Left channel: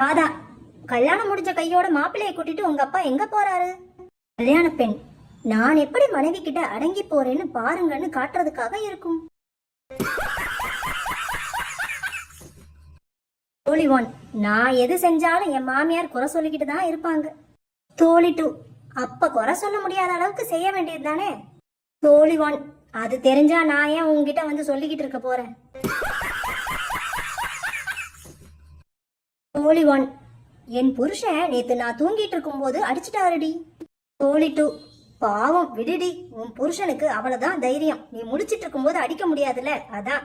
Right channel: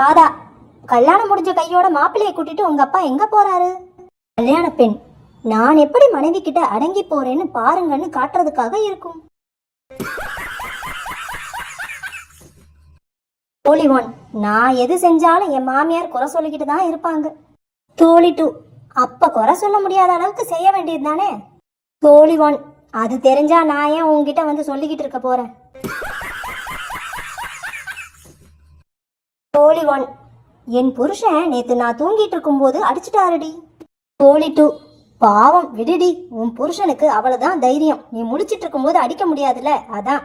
ராதா, கல்யாணம் முடிஞ்ச கையோட மாப்பிள்ளையை கூட்டிட்டு உங்க அப்பா எங்க போறாரு? கல்யாண பெண் நான் எப்படி மனைவி கிட்ட அடங்கி போறேன்னு பாருங்கன்னு காட்டுறதுக்காக இருக்கும். தோழி 1, நான் எது செஞ்சாலும் என் மாமியார் குறை சொல்லிக்கிட்டு தான் இருப்பாங்க. தோழி 2, அப்ப குறை சொல்ல முடியாத அளவுக்கு செய்ய வேண்டியது தானே. தோழி 1, அது தெரிஞ்சா நான் ஏன் உங்ககிட்ட வந்து சொல்லிக்கிட்டு இருக்க போறேன். தோழி 1, என் புருஷன் நேத்து நான் தூங்கிட்டு இருக்கும் போது அடிச்சுட்டாரடி. தோழி 2, பாவம் விடுடி, உன் புருஷனுக்கு அவ்வளவுதான் தைரியம், நீ முடிச்சிட்டு இருக்கும் போது அடிக்க முடியாதுல்ல அதான்.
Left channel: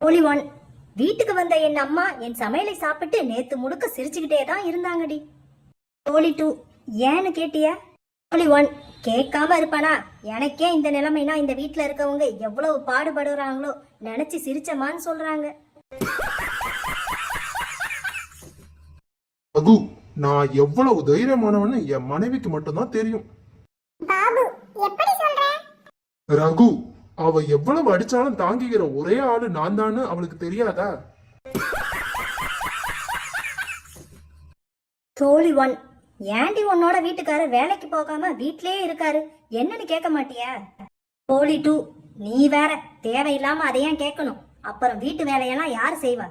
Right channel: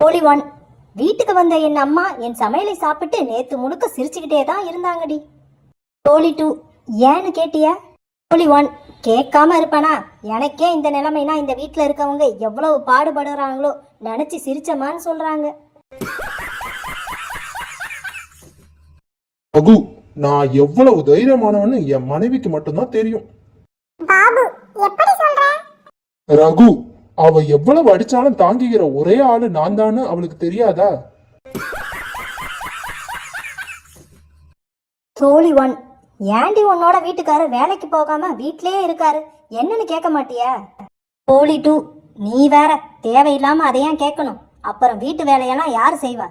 தோழி 1, வீட்டுக்கு வந்த என் அம்மா என் சமையலை சாப்பிட்டு நேத்து முழுக்க சிரிச்சுக்கிட்டே தான் இருந்தாங்கடி. தோழி 2, ஏன்னு கேட்டிய? தோழி 1, கேட்காம இருப்பானா? எனக்கே இந்த நிலைமைனா இந்த வீட்டுல இருக்கவங்க எவ்வளவு பாடுபடுறாங்களோ நினைச்சு சிரிச்சமான்னு சொல்றாங்க. ரகு, நான் எவ்வளவு தைரியமானவன்னு என் மனைவிக்கு மட்டும்தான் தெரியும். பாபு, எப்படி சொல்ற? ரகு, அவ எவ்வளவு அடிச்சாலும் தாங்கிக்கிற ஒரே ஆளு நான் தான்னு அவளுக்கு தெரியாதா? தோழி 1, ஏண்டி உன்னோட வீட்டுக்காரர் வேலைக்கு போகாம வீட்லயே இருக்காரு, என்னன்னு கேட்க மாட்டியா? தோழி 2, நீ வேற தேவையில்லாம அதையும் கேட்கணும், அப்புறம் வீட்டு வேலையெல்லாம் யாரு செய்வா?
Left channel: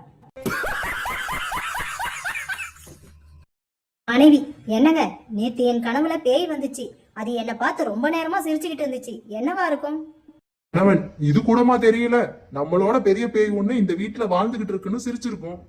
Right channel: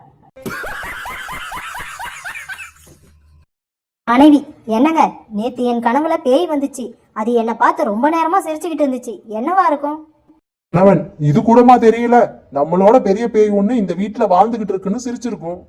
மனைவி, என்னங்க நேத்து என் கனவுல பேய் வந்துச்சு, அது என்ன பார்த்து ரொம்ப நேரமா சிரிச்சுக்கிட்டு இருந்துச்சு, என்னவா இருக்கும்? கணவன், இது கூடமா தெரியல? நம்மளோட பெரிய பேய் ஒண்ணு இந்த வீட்டுல வாழ்ந்துகிட்டு இருக்குன்னு சிரிச்சிருக்கும்.